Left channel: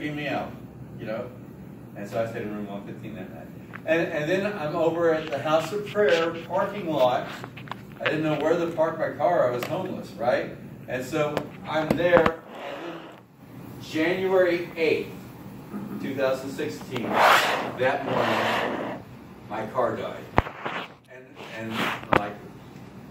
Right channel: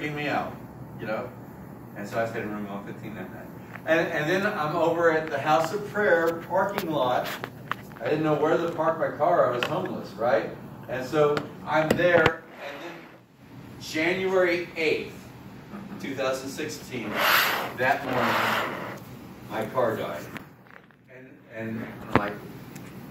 me out, you know. And so I stayed in room 115 that night. And then I'm over at the House of Prayer parking lot. I didn't know where to park my car. I was homeless, right? And so I'm there, and then January 8th, 2016, that morning, my car died. And like,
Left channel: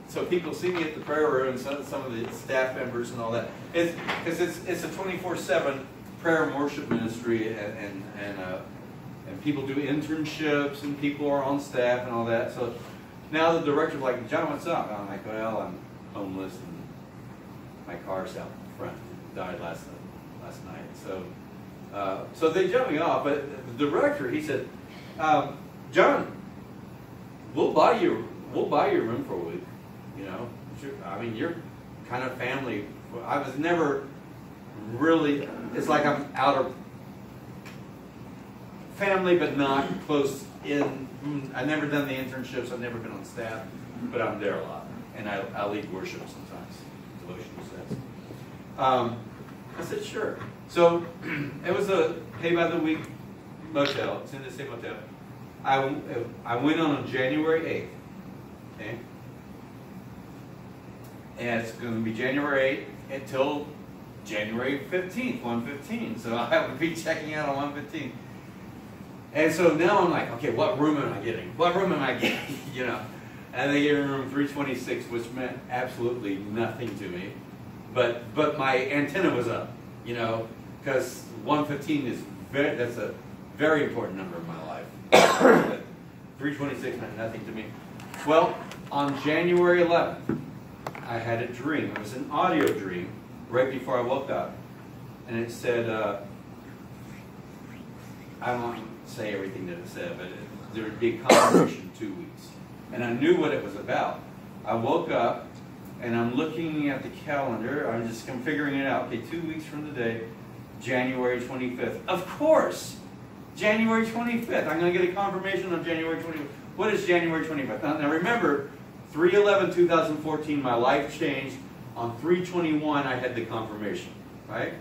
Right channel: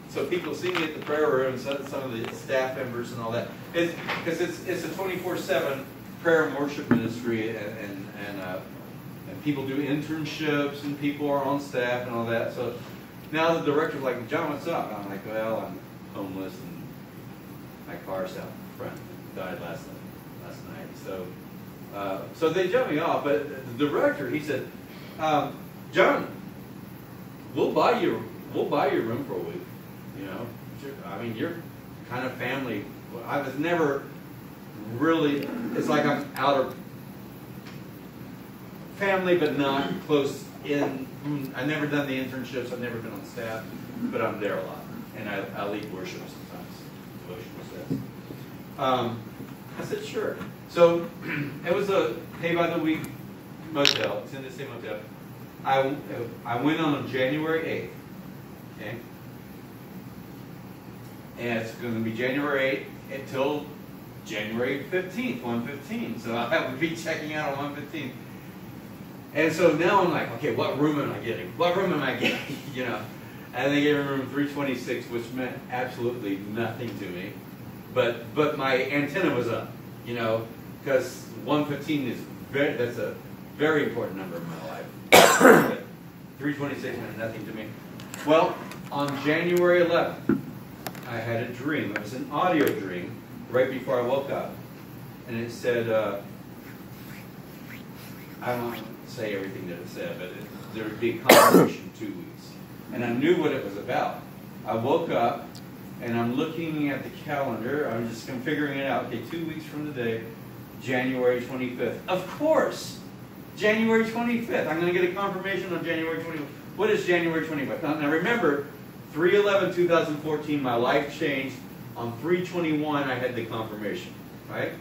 so people see me at the prayer room, some of the staff members and all that. Because it's a 24/7 prayer and worship ministry, and people do internships, and people are on staff and all that. So now the director's like, John, what's up? I'm like, well, I'm homeless, and my car's out front. It died last night. So they jumped me off. But the director, he said, John, we'll buy your room for a week. You know, I mean, you're kind of family. I was never really. It's like I'm out of family, but not close in. I've never done the internships. I've never been on staff, but I'm there a lot, and I lead worship sometimes, devotional sets. I said sure. So it was a pay by the week motel. It's in the same motel. I went on January 8th. Okay. And it's going to be January 8th until January 15th, 1:15. So I would be checking out on 1:15. And so now I'm like, okay, what room am I getting? What room am I getting? You know? And they gave me room 326, which meant absolutely nothing to me. But my antenna was up, you know, because 1:15 is that's a very important number in my life. 326 meant nothing to me. Well, on January 11th, I had a dream. It was an audio dream right before I woke up. And it said, I won't say everything that it said, but there would be a confirmation in 2 weeks. And I knew what it was about. I woke up, and I'm looking at the calendar. I'm just figuring it out. Okay, 2 weeks from today, January 25th. Of course! January 25th. I'm going to get a confirmation on January 25th. What is January 25th? Now remember, 3/11/2014, my life changed. On 3/21, I had the confirmation, right?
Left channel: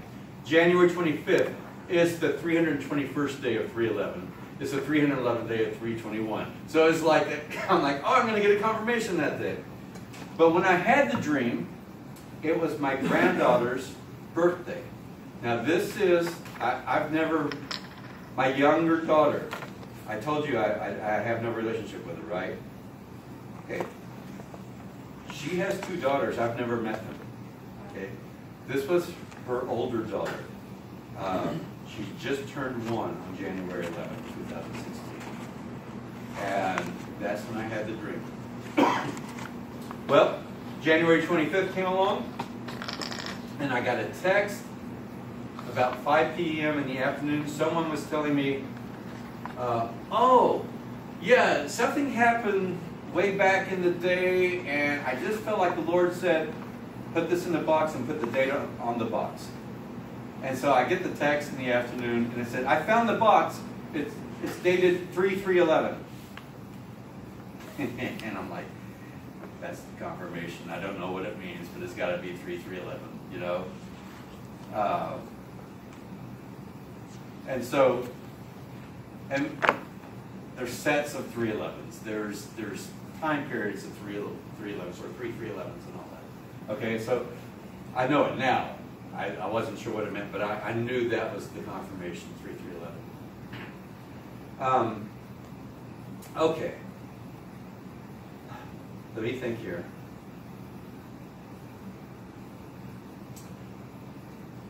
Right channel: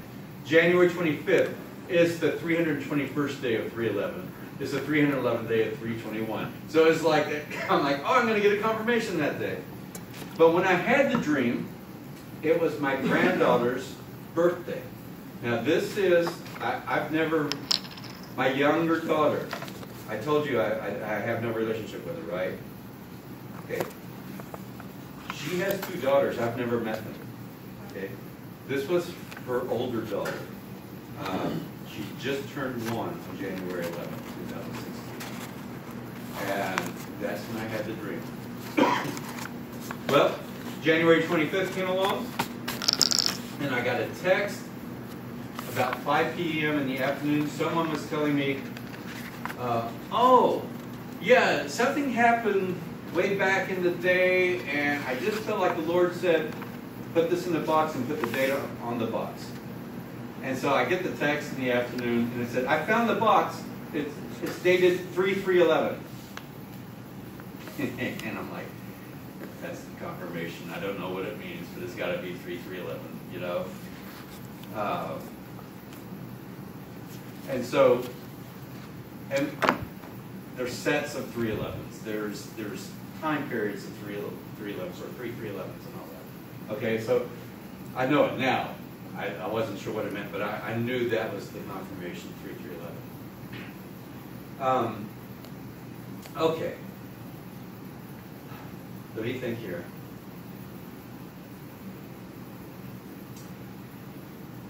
January 25th is the 321st day of 3/11. It's the 311th day of 3/21. So it's like, I'm like, oh, I'm going to get a confirmation that day. But when I had the dream, it was my granddaughter's birthday. Now this is, I've never, my younger daughter, I told you I have no relationship with her, right? Okay. She has two daughters. I've never met them. Okay. This was her older daughter. She just turned 1 on January 11th, 2016. And that's when I had the dream. Well, January 25th came along, and I got a text about 5 p.m. in the afternoon. Someone was telling me, oh, yeah, something happened way back in the day, and I just felt like the Lord said, put this in the box and put the date on the box. And so I get the text in the afternoon, and it said, I found the box. It's dated 3/3/11. And I'm like, that's the confirmation. I don't know what it means, but it's got to be 3/3/11, you know? And so, and there's sets of 3/11s. There's time periods of 3/11s or 3/3/11s and all that. Okay, so I know it now. I wasn't sure what it meant, but I knew that was the confirmation, 3/3/11. Okay. Let me think here.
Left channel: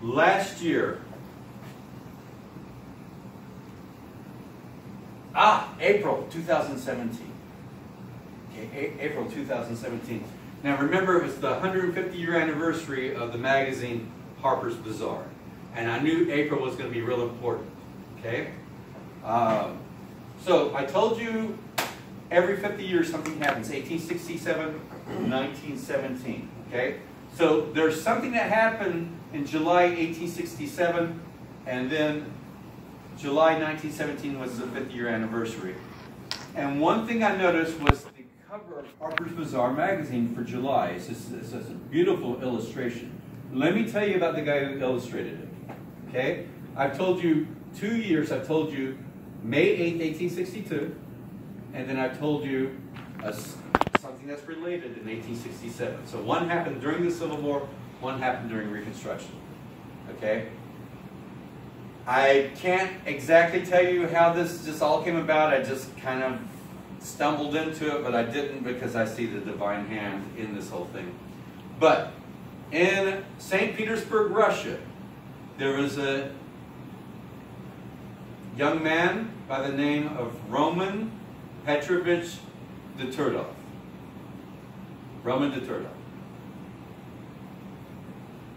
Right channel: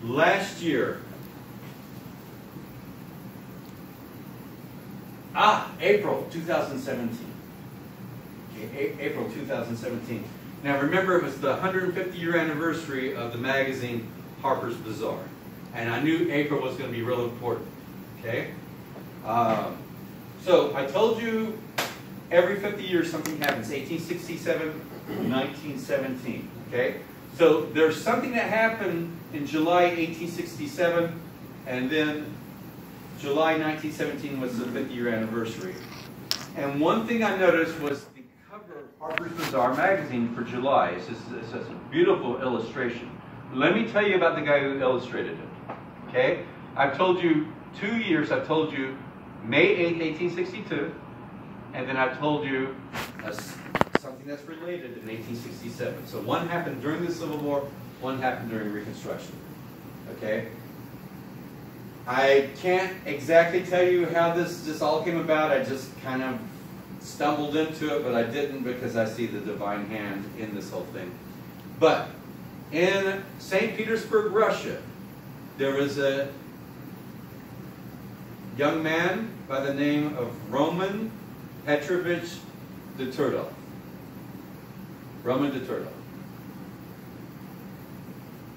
Last year, April 2017. Okay, April 2017. Now remember, it was the 150-year anniversary of the magazine Harper's Bazaar. And I knew April was going to be real important. Okay? So I told you every 50 years something happens. 1867, 1917. Okay? So there's something that happened in July 1867, and then July 1917 was the 50-year anniversary. And one thing I noticed was the cover of Harper's Bazaar magazine for July. It's a beautiful illustration. Let me tell you about the guy who illustrated it. Okay? I've told you 2 years. I've told you May 8th, 1862, and then I've told you something that's related in 1867. So one happened during the Civil War, one happened during Reconstruction. Okay? I can't exactly tell you how this just all came about. I just kind of stumbled into it, but I didn't because I see the divine hand in this whole thing. But in St. Petersburg, Russia, there was a young man by the name of Roman Petrovich de Turdov. Roman de Turdov.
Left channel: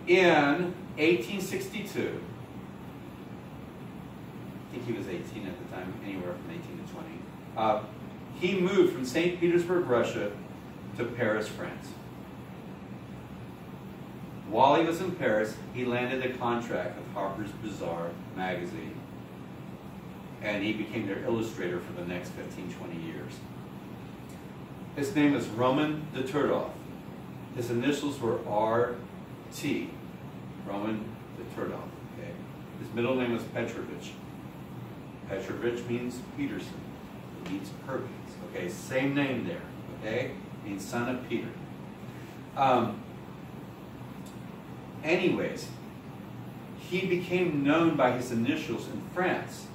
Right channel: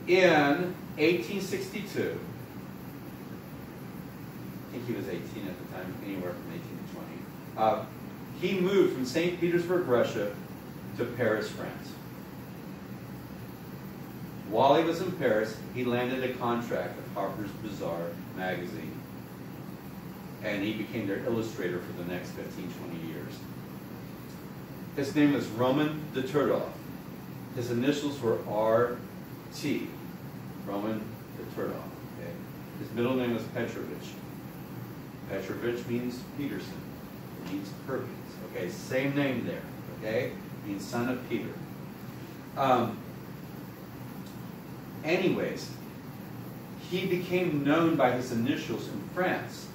In 1862, I think he was 18 at the time, anywhere from 18 to 20, he moved from St. Petersburg, Russia, to Paris, France. While he was in Paris, he landed a contract with Harper's Bazaar magazine, and he became their illustrator for the next 15, 20 years. His name is Roman de Turdov. His initials were R.T., Roman de Turdov. Okay? His middle name was Petrovich. Petrovich means Peterson. It means Perkins. Okay, same name there. Okay, means son of Peter. Anyways, he became known by his initials in France,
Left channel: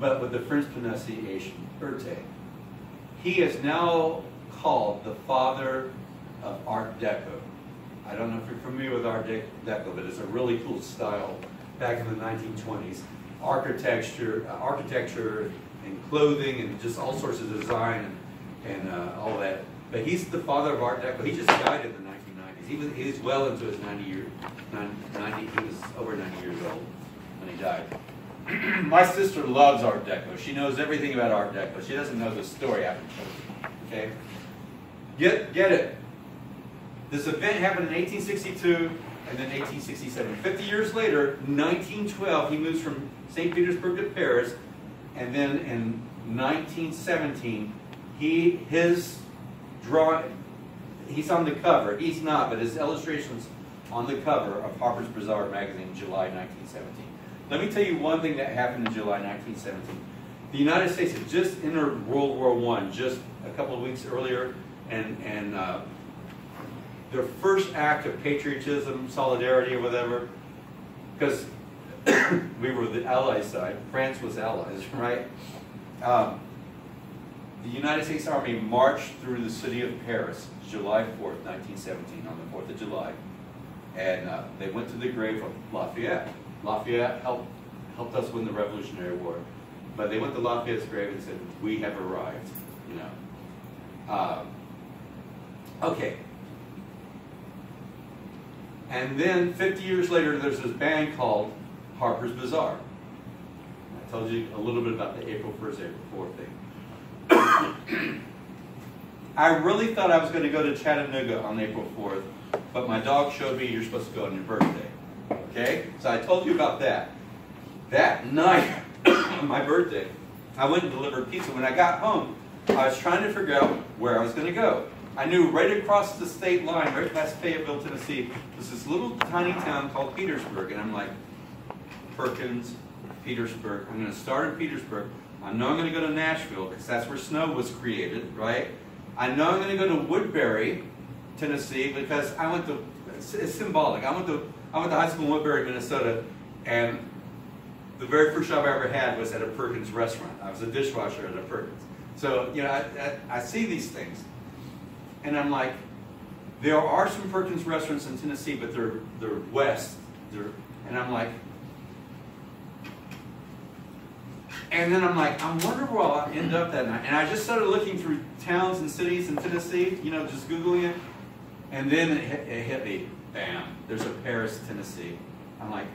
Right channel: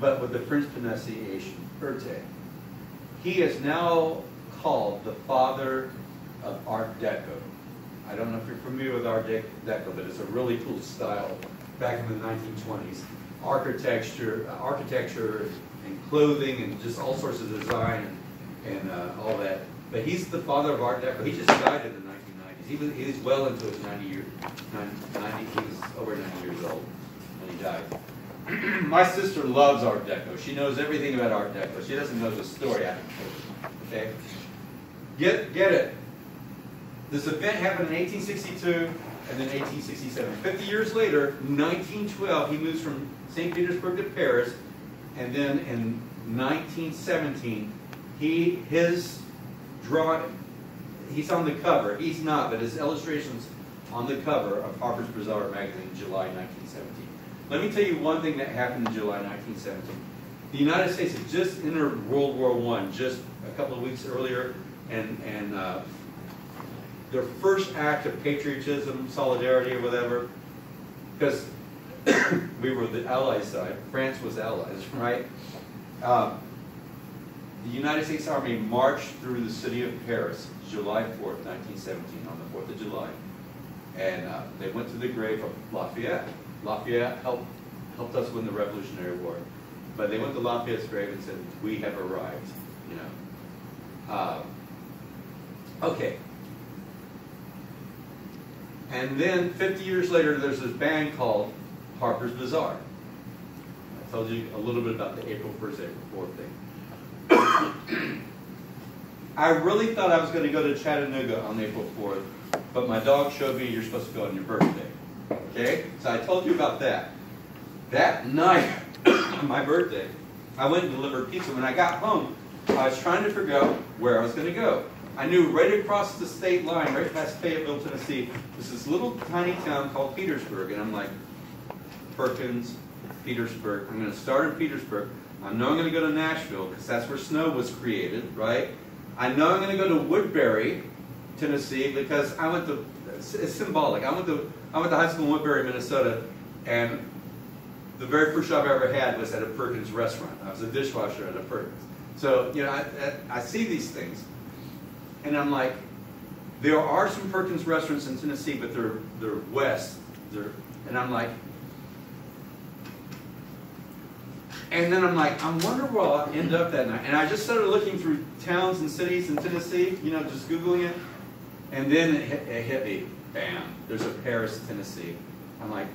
but with the French pronunciation, Erte. He is now called the father of Art Deco. I don't know if you're familiar with Art Deco, but it's a really cool style back in the 1920s. Architecture and clothing and just all sorts of design and all that. But he's the father of Art Deco. He just died in the 1990s. He was well into his 90 years. He was over 90 years old when he died. My sister loves Art Deco. She knows everything about Art Deco. She doesn't know the story after. Okay? Get it. This event happened in 1862 and then 1867. 50 years later, 1912, he moves from St. Petersburg to Paris, and then in 1917, he's on the cover. He's not, but his illustration's on the cover of Harper's Bazaar magazine, July 1917. Let me tell you one thing that happened in July 1917. The United States had just entered World War I just a couple of weeks earlier, and their first act of patriotism, solidarity, or whatever, because we were the Allied side, France was allies, right? The United States Army marched through the city of Paris, July 4th, 1917, on the 4th of July. And they went to the grave of Lafayette. Lafayette helped us win the Revolutionary War. But they went to Lafayette's grave and said, "We have arrived," you know. Okay. And then 50 years later, there's this band called Harper's Bazaar. I told you a little bit about the April 1st, April 4th thing. I really thought I was going to go to Chattanooga on April 4th, but my dog showed me you're supposed to go on your birthday. Okay? So I told you about that. That night, on my birthday, I went and delivered pizza. When I got home, I was trying to figure out where I was going to go. I knew right across the state line, right past Fayetteville, Tennessee, was this little tiny town called Petersburg. And I'm like, Perkins, Petersburg. I'm going to start in Petersburg. I know I'm going to go to Nashville because that's where snow was created, right? I know I'm going to go to Woodbury, Tennessee, because I went to, it's symbolic. I went to high school in Woodbury, Minnesota, and the very first job I ever had was at a Perkins restaurant. I was a dishwasher at a Perkins. So, you know, I see these things. And I'm like, there are some Perkins restaurants in Tennessee, but they're west. And I'm like, I wonder where I'll end up that night. And I just started looking through towns and cities in Tennessee, you know, just Googling it. And then it hit me, bam, there's a Paris, Tennessee. I'm like,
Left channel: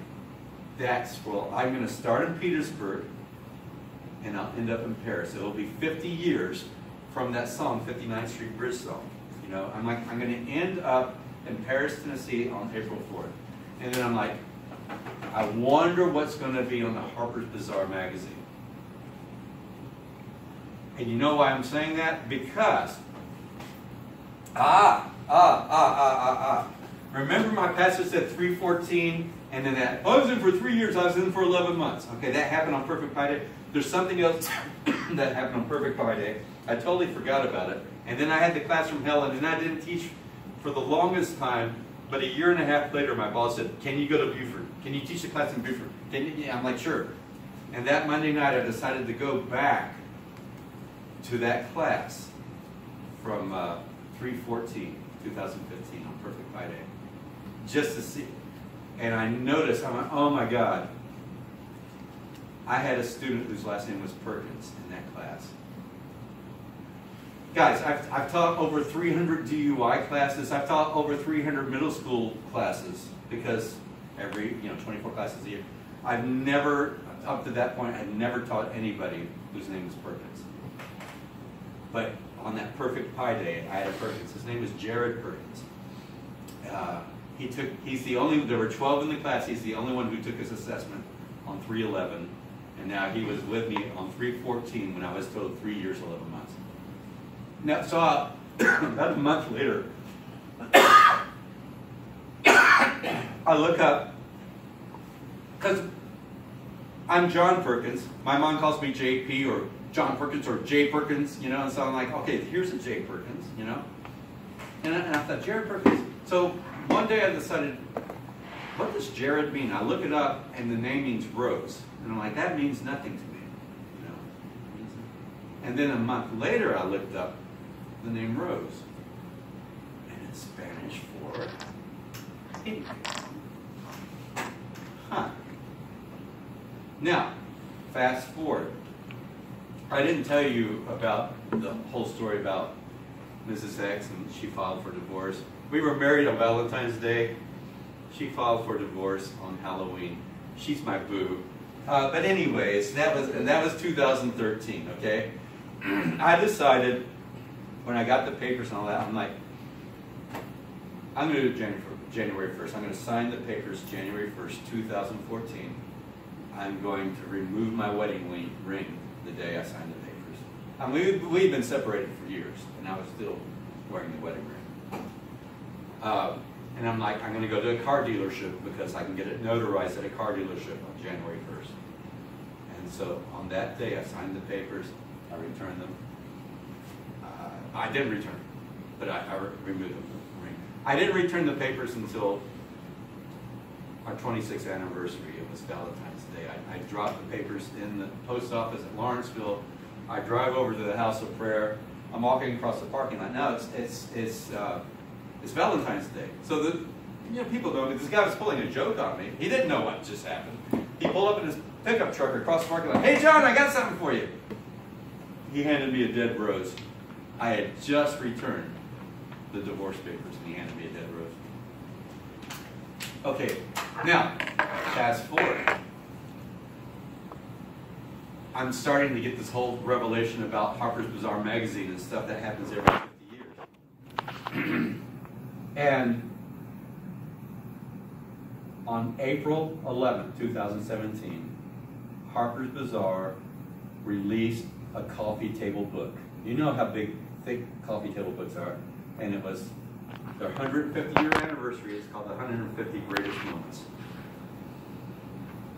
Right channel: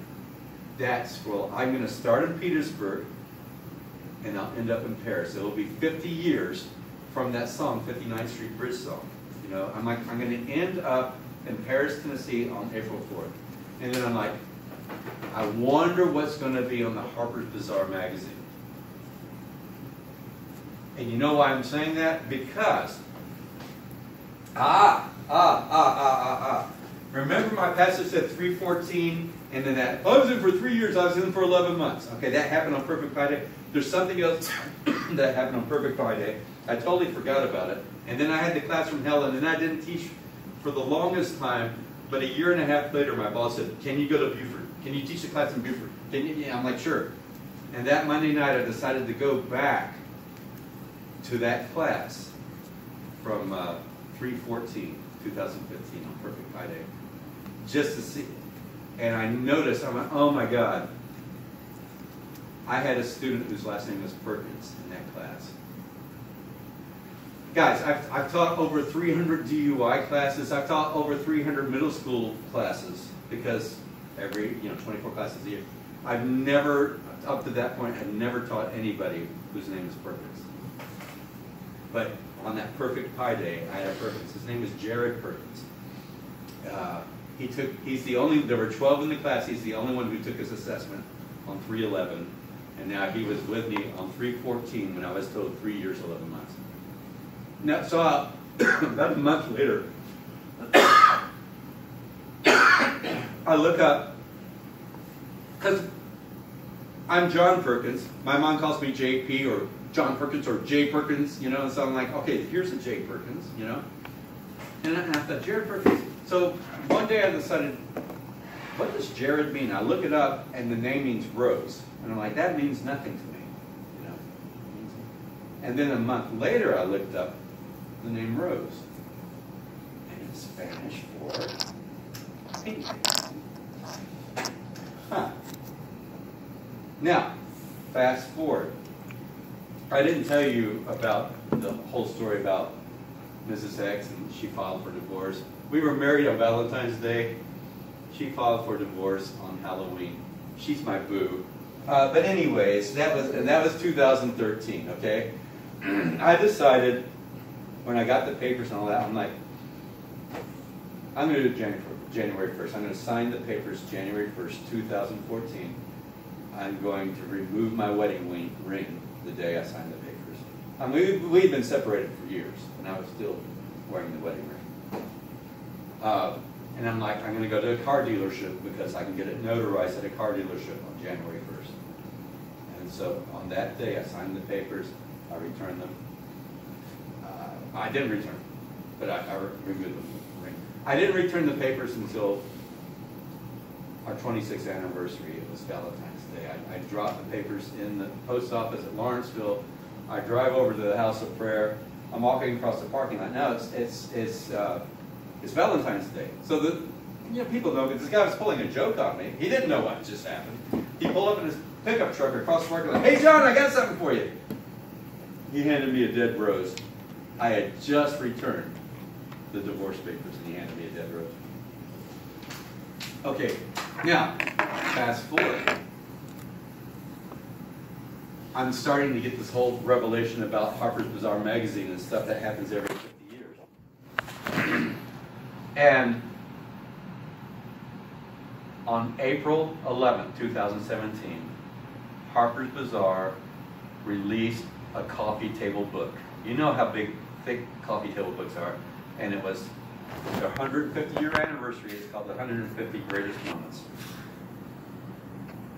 I'm going to start in Petersburg, and I'll end up in Paris. It'll be 50 years from that song, 59th Street Bridge song. You know, I'm going to end up in Paris, Tennessee on April 4th. And then I'm like, I wonder what's going to be on the Harper's Bazaar magazine. And you know why I'm saying that? Because, remember my passage said 3:14 And then that, I was in for 3 years, I was in for 11 months. Okay, that happened on Perfect Pi Day. There's something else that happened on Perfect Pi Day. I totally forgot about it. And then I had the class from hell, and then I didn't teach for the longest time. But a year and a half later, my boss said, can you go to Buford? Can you teach the class in Buford? Can you? Yeah, I'm like, sure. And that Monday night, I decided to go back to that class from 3/14/2015 on Perfect Pi Day, just to see. And I noticed, I went, oh my God, I had a student whose last name was Perkins in that class. Guys, I've taught over 300 DUI classes. I've taught over 300 middle school classes, because every, 24 classes a year. I've never, up to that point, I've never taught anybody whose name is Perkins. But on that Perfect Pi Day, I had a Perkins. His name is Jared Perkins. There were 12 in the class. He's the only one who took his assessment on 3/11. And now he was with me on 3/14 when I was told 3 years, 11 months. Now, so about a month later, I look up, because I'm John Perkins. My mom calls me JP or John Perkins or J Perkins, and so I'm like, okay, here's a J Perkins, And I thought, Jared Perkins. So one day I decided, what does Jared mean? I look it up, and the name means rose. And I'm like, that means nothing to me. And then a month later, I looked up the name Rose. And it's Spanish for pink. Huh. Now, fast forward. I didn't tell you about the whole story about Mrs. X, and she filed for divorce. We were married on Valentine's Day. She filed for divorce on Halloween. She's my boo. But anyways, that was 2013, okay? I decided, when I got the papers and all that, I'm like, I'm going to do it January 1st. I'm going to sign the papers January 1st, 2014. I'm going to remove my wedding ring the day I sign the papers. I mean, we've been separated for years, and I was still wearing the wedding ring. And I'm like, I'm going to go to a car dealership because I can get it notarized at a car dealership on January 1st. And so on that day, I signed the papers, I returned them. I didn't return them, but I removed them. I didn't return the papers until our 26th anniversary. It was Valentine's Day. I dropped the papers in the post office at Lawrenceville. I drive over to the House of Prayer. I'm walking across the parking lot. Now it's Valentine's Day. So people know, but this guy was pulling a joke on me. He didn't know what just happened. He pulled up in his pickup truck across the parking lot. Hey, John, I got something for you. He handed me a dead rose. I had just returned the divorce papers, and he handed me a dead rose. Okay, now, fast forward. I'm starting to get this whole revelation about Harper's Bazaar magazine and stuff that happens every 50 years. And on April 11, 2017, Harper's Bazaar released a coffee table book. You know how big, thick coffee table books are. And it was their 150-year anniversary. It's called the 150 Greatest Moments.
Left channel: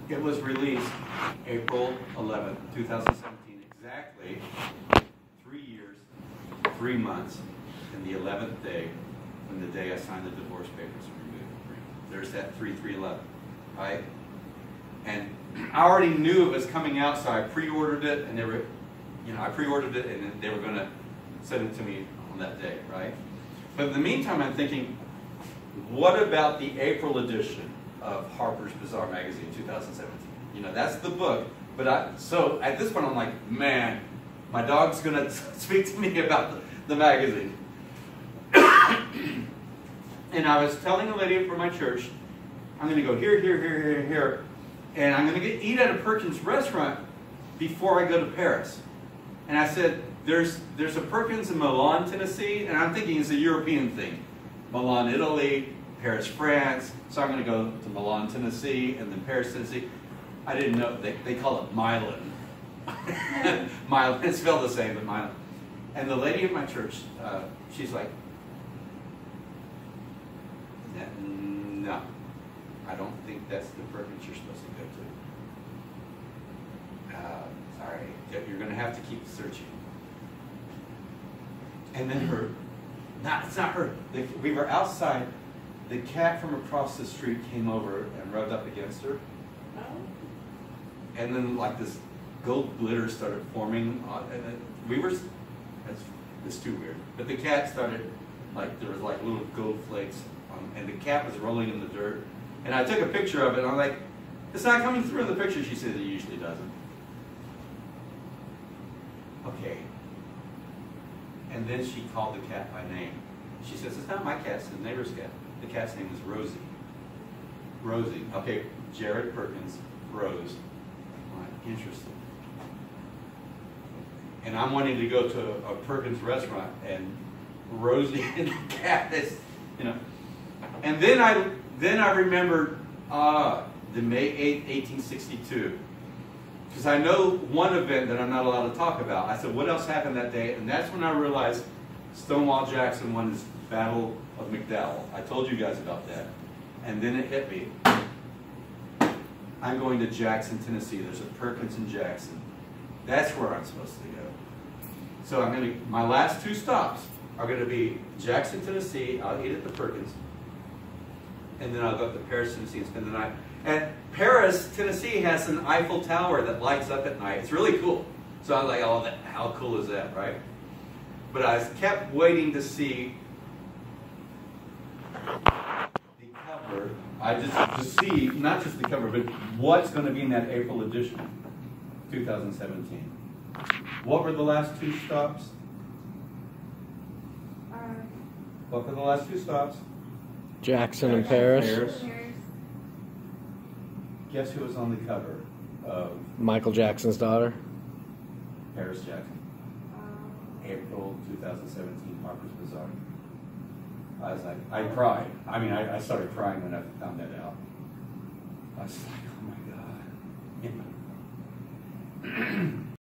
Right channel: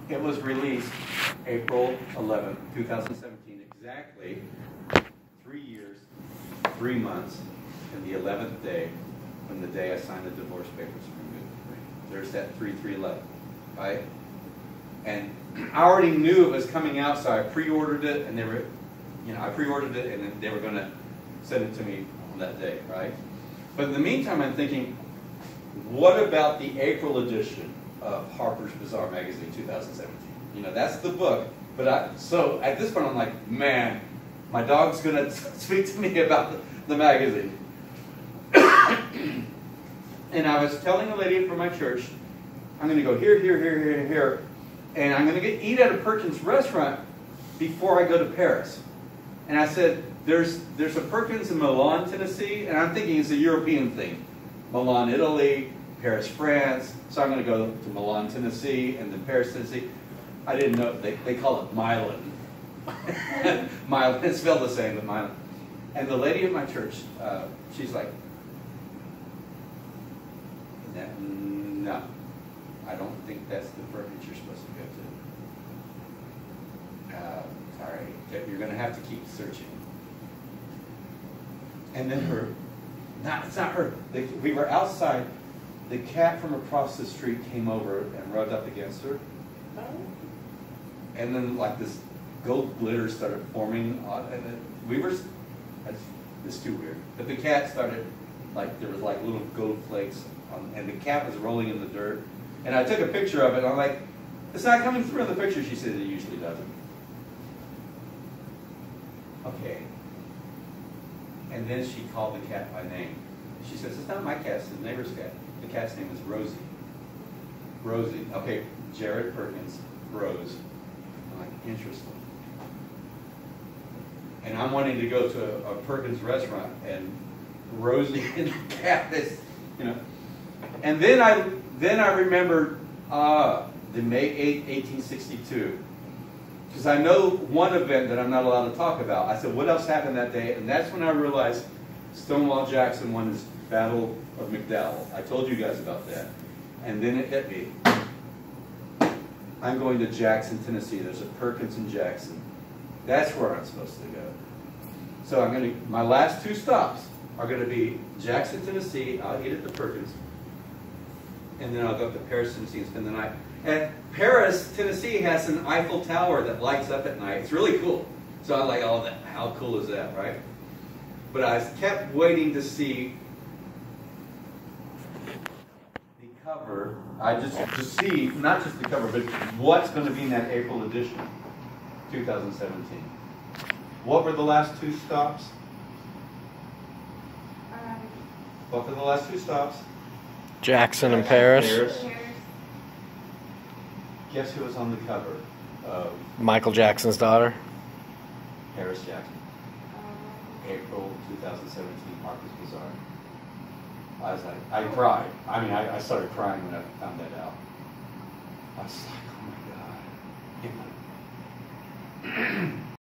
It was released April 11, 2017, exactly 3 years, 3 months, and the 11th day, when the day I signed the divorce papers and removed the ring. There's that 3/3/11, right? And I already knew it was coming out, so I pre-ordered it, and I pre-ordered it, and they were going to send it to me on that day, right? But in the meantime, I'm thinking, what about the April edition of Harper's Bazaar magazine 2017? That's the book. But so at this point, I'm like, man, my dog's going to speak to me about the magazine. And I was telling a lady from my church, I'm going to go here, here, here, here, here, and I'm going to eat at a Perkins restaurant before I go to Paris. And I said, there's a Perkins in Milan, Tennessee, and I'm thinking it's a European thing. Milan, Italy, Paris, France. So I'm going to go to Milan, Tennessee, and then Paris, Tennessee. I didn't know, they call it Milan. Milan, it's spelled the same, but Milan. And the lady at my church, she's like, no, I I don't think that's the Perkins you're supposed to go to. Sorry, you're going to have to keep searching. And then it's not her. We were outside. The cat from across the street came over and rubbed up against her. Oh. And then like this gold glitter started forming, and then it's too weird. But the cat started, like there was like little gold flakes, and the cat was rolling in the dirt. And I took a picture of it, and I'm like, it's not coming through in the picture. She said it usually doesn't. Okay. And then she called the cat by name. She says, it's not my cat, it's the neighbor's cat. The cat's name is Rosie. Rosie. Okay, Jared Perkins, Rose. I'm like, interesting. And I'm wanting to go to a Perkins restaurant, and Rosie and the cat is, you know. And then I remembered the May 8th, 1862. Because I know one event that I'm not allowed to talk about. I said, what else happened that day? And that's when I realized Stonewall Jackson won his Battle of McDowell. I told you guys about that. And then it hit me. I'm going to Jackson, Tennessee. There's a Perkins in Jackson. That's where I'm supposed to go. So my last 2 stops are going to be Jackson, Tennessee. I'll eat at the Perkins. And then I'll go up to Paris, Tennessee and spend the night. And Paris, Tennessee has an Eiffel Tower that lights up at night. It's really cool. So I'm like, oh, how cool is that, right? But I kept waiting to see the cover. To see, not just the cover, but what's going to be in that April edition, 2017. What were the last 2 stops? What were the last 2 stops? Jackson and Paris. Guess who was on the cover of Michael Jackson's daughter. Paris Jackson. April 2017, Marcus Bazaar. I was like, I cried. I mean, I started crying when I found that out. I was like,